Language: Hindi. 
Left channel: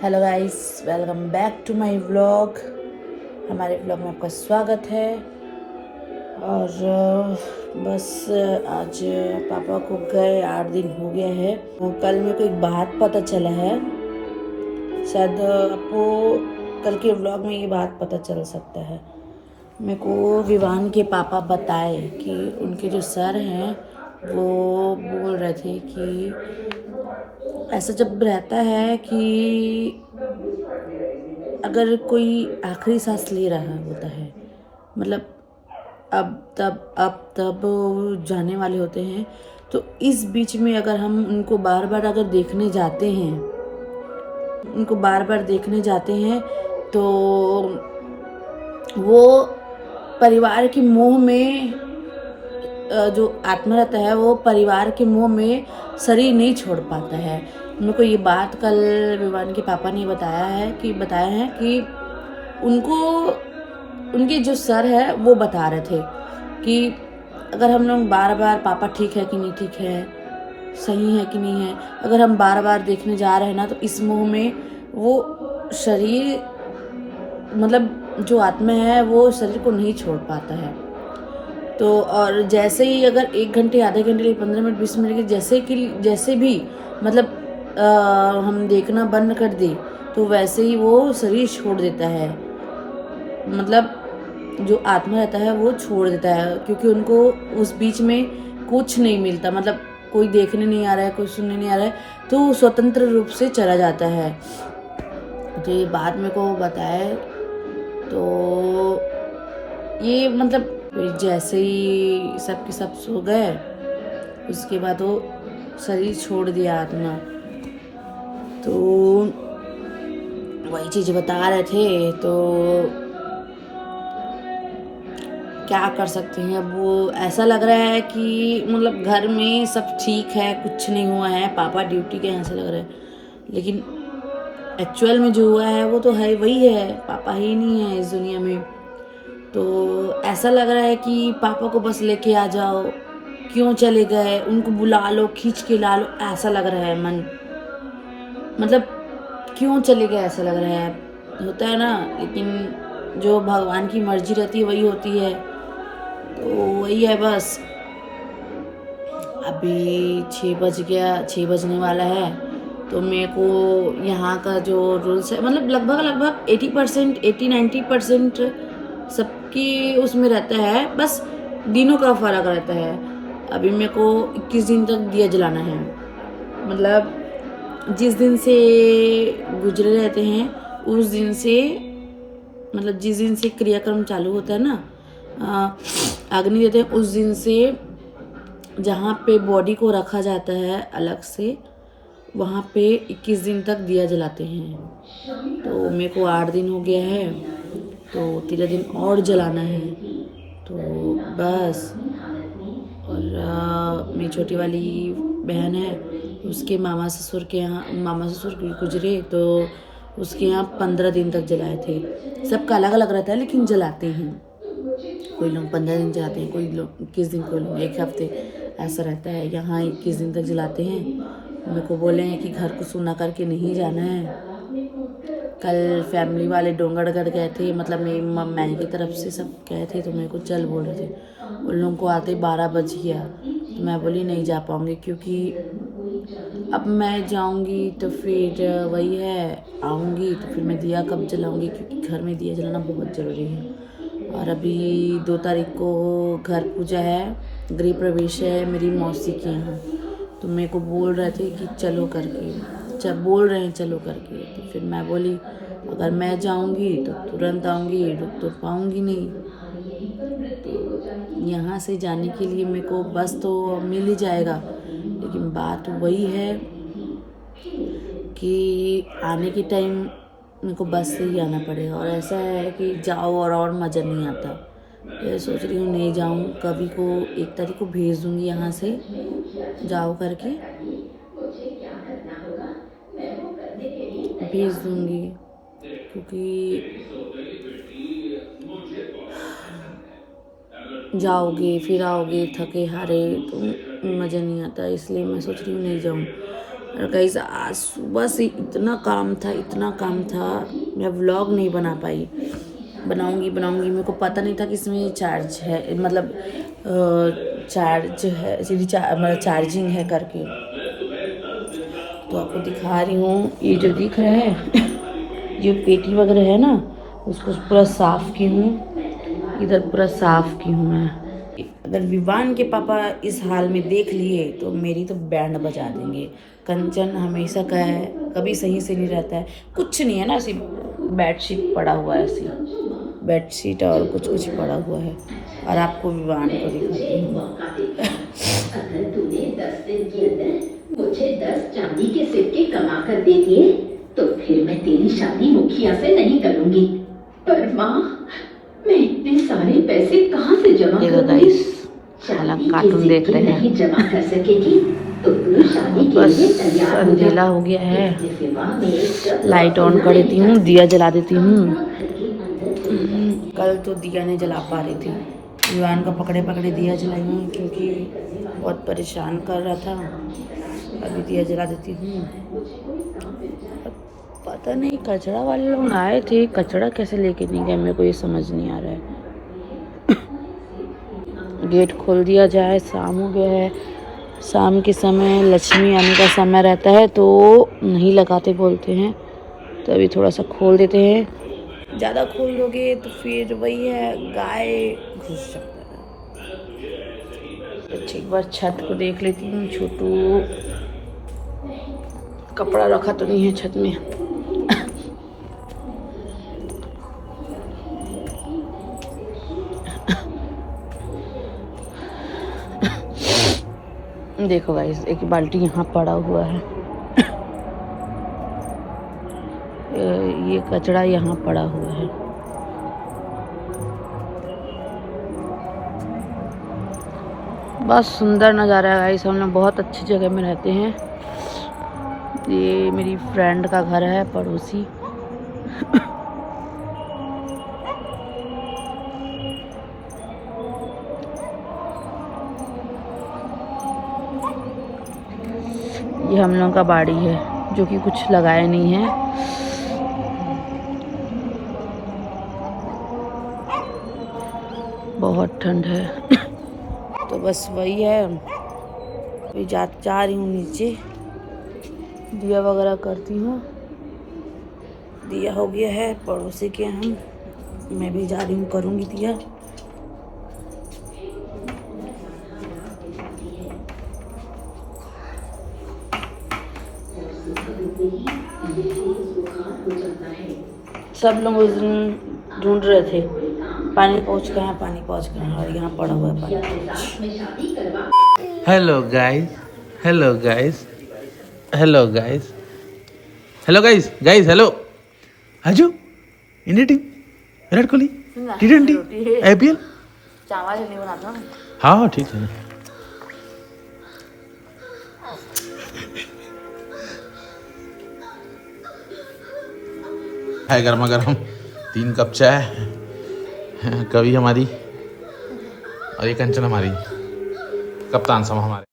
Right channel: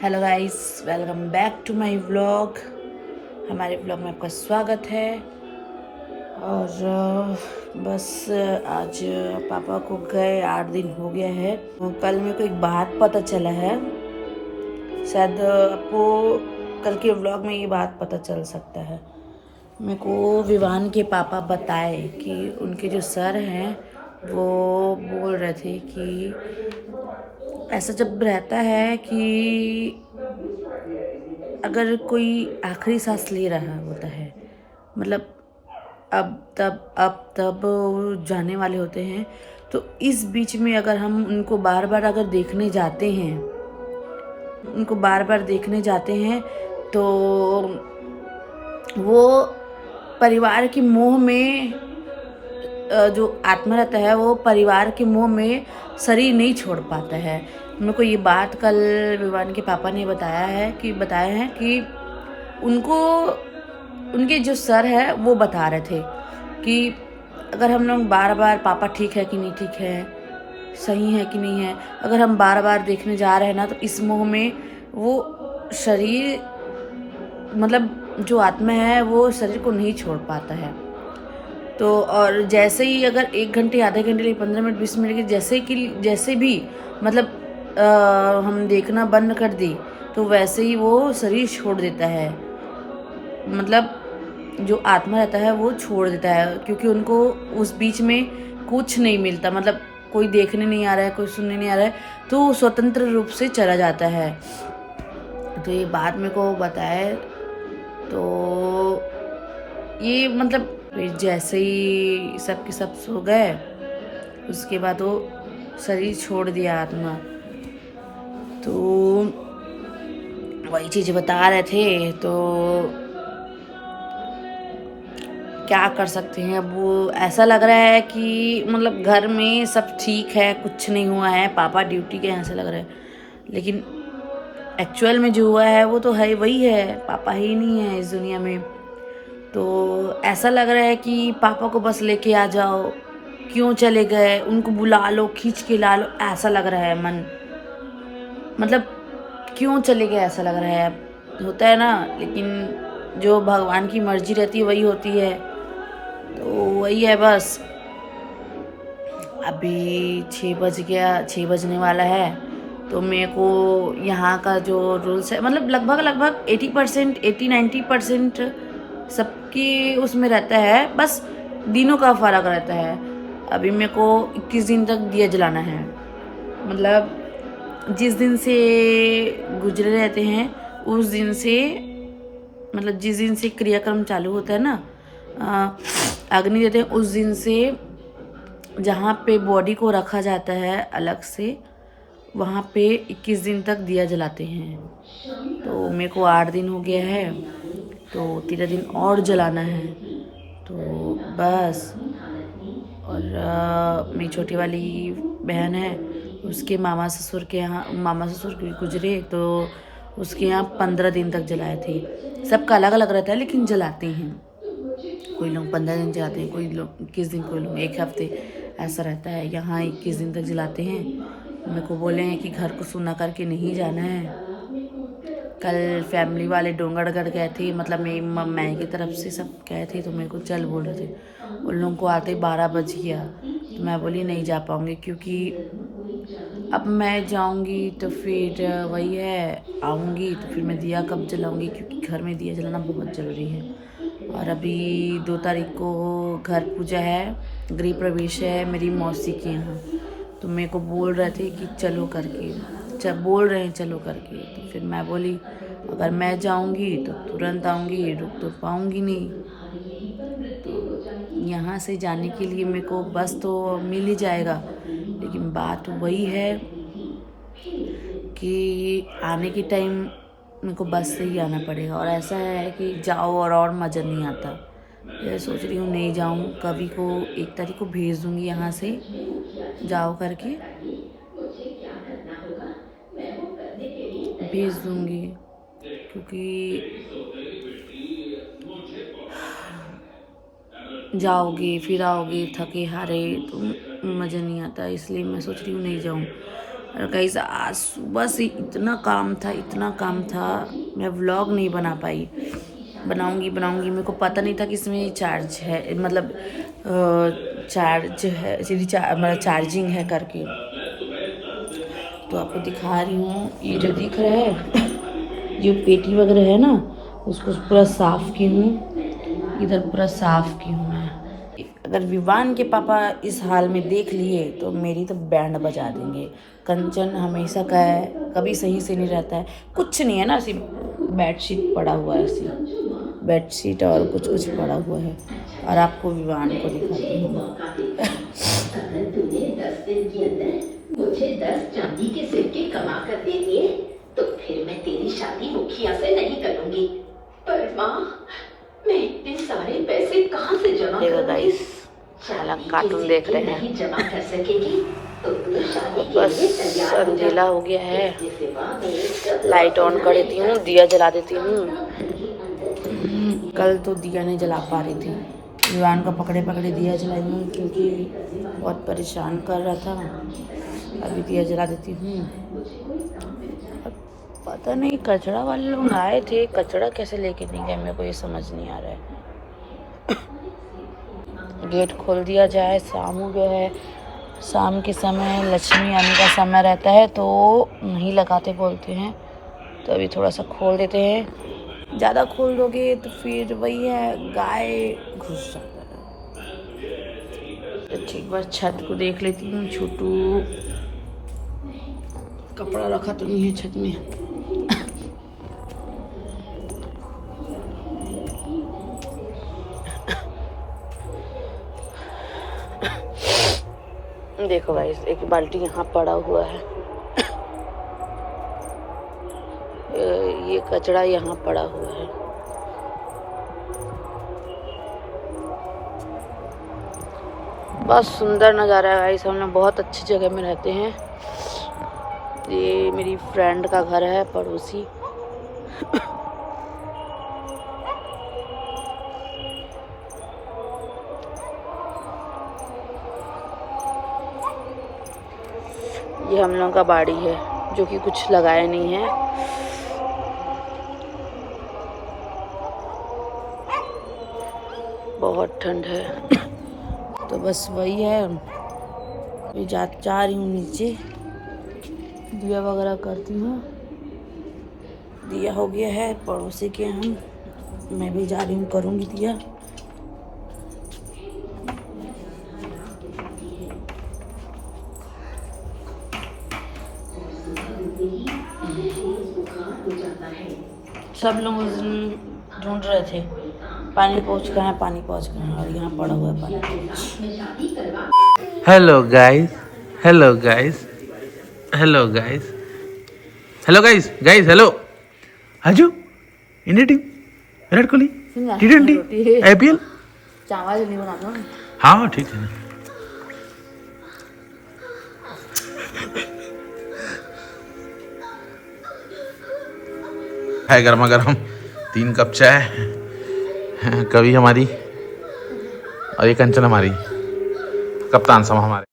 Hello guys, welcome back to my vlog. हमारे व्लॉग में आपका स्वागत है। और बस आज पापा को गए 8 दिन हो गया है। कल मेरे को एक बात पता चला है, शायद आपको कल के व्लॉग में ये बात पता चल सकता है। मेरे को विवान के पापा बताए कि उनके जो सर हैं वो बोल रहे थे कि ऐसा जब रहता है कि अगर कोई आखिरी सांस ले रहा होता है, मतलब अब तब जाने वाले होते हैं, तो इस बीच में अगर हम उनको बार बार अगर देखने जाते हैं तो वो परिवार के मोह में जो आत्मा रहता है वो परिवार के मोह में शरीर नहीं छोड़ पाता है। मेरे को ये बात कल विवान के पापा ने बताया है कि उनको उनके जो सर है वो बता रहे थे कि अगर हम लोग बार बार पापा ठीक है कि नहीं ठीक है, सही है कि नहीं है, अगर हम बार बार देखने जा रहे हैं ना, तो इस मोह में वो शरीर, मतलब जो आत्मा है वो शरीर को नहीं छोड़ पाता है। तो और जैसे ही अगर 1 घंटे, आधे घंटे लिए, 15 मिनट, 20 मिनट के जैसे भी मतलब हम देखना बंद कर दी, तो वैसे ही वो शरीर छोड़ देता है। मतलब जो आत्मा रहता है वो छोड़ देता है, क्योंकि उनको उस बीच में कुछ नहीं मिलता, मतलब कोई देखने नहीं आ रहा है, कोई सुनने नहीं आ रहा है, तो स्वतंत्र रूप से चला जाता है। तो ये बात मेरे को बताए, तो ये मतलब फिर जैसे ही सब के सब सो गए, उसके बाद वो शरीर छोड़ दिया आत्मा। तो वही चीज बता रहे थे, तो क्या कर सकते हैं। अब वो ऐसा लग रहा है कि मतलब घर में सब ठीक है, कुछ नहीं हुआ है, पापा ड्यूटी के ऐसे लग रहे हैं, लेकिन एक्चुअल में जो हुआ है वो तो है वही है, पापा ही नहीं है इस दुनिया में। तो ऐसा लग रहा है कि पापा को बस लेके आ जाओ, क्यों चले गए, उनको बुला लो, खींच के ला लो, ऐसा लग रहा है मन, मतलब क्यों चले गए ऐसा लग रहा है। होता है ना, लेकिन जो भगवान की मर्जी रहती है वही होती है। तो वही है बस। अभी 6 बज गया, 6 बजने वाला है, तो मेरे को यहाँ का जो रूल्स है, मतलब लगभग 80%, 80-90% सबकी उसमें रहता है, बस दिनों का फर्क रहता है। अभी मेरे को 21 दिन तक दिया जलाना है, मतलब जिस दिन से गुजरे रहते हैं उस दिन से, मतलब जिस दिन से क्रियाक्रम चालू होता है ना, अग्नि देते हैं, उस दिन से जहाँ पे बॉडी को रखा जाता है अलग से, वहाँ पे 21 दिन तक दिया जलाते हैं। तो मेरे को 8 दिन हो गया है, तो 13 दिन और जलाना है, तो बस। और मेरी छोटी वाली बहन है, उसके मामा ससुर गुजरे, तो उसके यहाँ 15 दिन तक जलाए थे। सबका अलग अलग रहता है, लेकिन जलाते हैं। कोई लोग 15 दिन जलाते हैं, कोई लोग 21 दिन, कोई लोग 1 हफ्ते, ऐसा रहता है। यहाँ 21 दिन तक जलाते हैं। मेरे को बोले हैं कि घर को सूना करके नहीं जाना है। कल फैमिली वाले डोंगरगढ़ गए थे, मतलब मेरी मम्मी की तरफ से सब गए थे, तो मेरे को चल बोल रहे थे। उन लोगों को आते 12 बज गया, तो मैं बोली नहीं जा पाऊँगी, क्योंकि अब मैं जाऊँगी तो फिर वही है, आऊँगी तो फिर मैं दिया कब जलाऊँगी, क्योंकि घर में दिया जलाना बहुत ज़रूरी है। और अभी 2 तारीख को घर पूजा है, गृह प्रवेश है मेरी मौसी के यहाँ, तो मेरे को बोल रहे थे कि चलो करके, जब बोल रहे हैं चलो करके, तो फिर मैं बोली अगर मैं जाऊंगी तो तुरंत आऊंगी, रुक तो पाऊंगी नहीं। तो यहाँ से जाने के लिए मेरे को बस तो मिल ही जाएगा, लेकिन बात वही है कि आने के टाइम मेरे को बस से ही आना पड़ेगा। और ऐसा है कि जाओ और मज़ा नहीं आता। मैं सोच रही हूँ नहीं जाऊँ, कभी को 1 तारीख को भेज दूँगी यहाँ से, जाओ करके भेज दूँगी, क्योंकि जाओगे फिर आओगे थके हारे तो मज़ा नहीं आता, इसलिए मैं सोच रही हूँ नहीं जाऊँ। और गाइस आज सुबह से इतना काम था, मैं व्लॉग नहीं बना पाई। बनाऊंगी मेरे को पता नहीं था कि इसमें चार्ज है, मतलब चार्ज है, मतलब चार्जिंग है करके। तो आपको दिखा रही हूँ, ये जो दिख रहा है जो पेटी वगैरह है ना, उसको पूरा साफ की हूँ, इधर पूरा साफ की हूँ मैं। अगर विवान के पापा इस हाल में देख लिए तो मेरी तो बैंड बजा देंगे। कंचन हमेशा का है, कभी सही से नहीं रहता है, कुछ नहीं है ना, सिर्फ बेडशीट पड़ा हुआ है, सिर्फ बेडशीट और कुछ पड़ा हुआ है। और आपको विवान को दिखाती हूँ। मुझे 10 चांदी के सिक्के कमा कर दे दिए तो फिर मैं तेरी शादी मुखिया से नहीं करूंगी। पर माँ, मैं इतने सारे पैसे कहाँ से जमा करूंगी? शादी के सिक्के नहीं जमा कर सकेगी तो तू शादी के लिए तैयार हो जा। अंधेरा हो गया है, लाइट ऑन कर देती हूँ, दिया जला देती हूँ। कल तो दिया नहीं जला पा रही थी, विवान का पकड़े दिया जलाई हूँ क्योंकि बहुत परेशान कर रहा था। अभी दिया जला देती हूँ। पता नहीं कचरा वाले लोग आए थे, कचरा कैसे लेके नहीं गए मेरे को ये समझ नहीं आ रहा है। गेट खोल दिया जाए, शाम हो गया है। शाम के समय लक्ष्मी आने का समय रहता है तो नहीं लगाते बोलते हैं, तो अभी थोड़ा सा खोल देते हैं। ज़्यादा खोल दोगे तो फिर वही है, गाय घुस जाता है। तो एक बार छत को देख लेती हूँ, छोटू कपड़ा रखा तो नहीं है छत में। देखो गाइस, एक बाल्टी यहाँ पड़ा हुआ है, ये कचरा यहाँ पड़ा हुआ है। बहुत सुंदर नज़ारा है गाइस, हम लोग बहुत अच्छी जगह में रहते हैं। ये मेरी फ्रेंड का घर है, पड़ोसी। ये हम लोगों का बाड़ी है जो कि कुछ लगाया नहीं है। बहुत ठंड है। तो बस वही है, अभी जा रही हूँ नीचे, दिया वगैरह करती हूँ। दिया हो गया है पड़ोसी के हम, मैं भी जा रही हूँ, करूँगी दिया। सब लोग उस दिन ढूंढ रहे थे पानी पहुँच कहाँ है, और यहाँ पड़ा हुआ है पानी। Hello guys, hello guys, hello guys, hello guys, guys hello. हाजू India team, Virat Kohli, T20, IPL। चावल नहीं बनाता। हाँ ठीक है ना। है गर्मा गर्म 3 कप चाय, कभी हमारी और ये कंचन हमारी, कप्तान सम हमारे।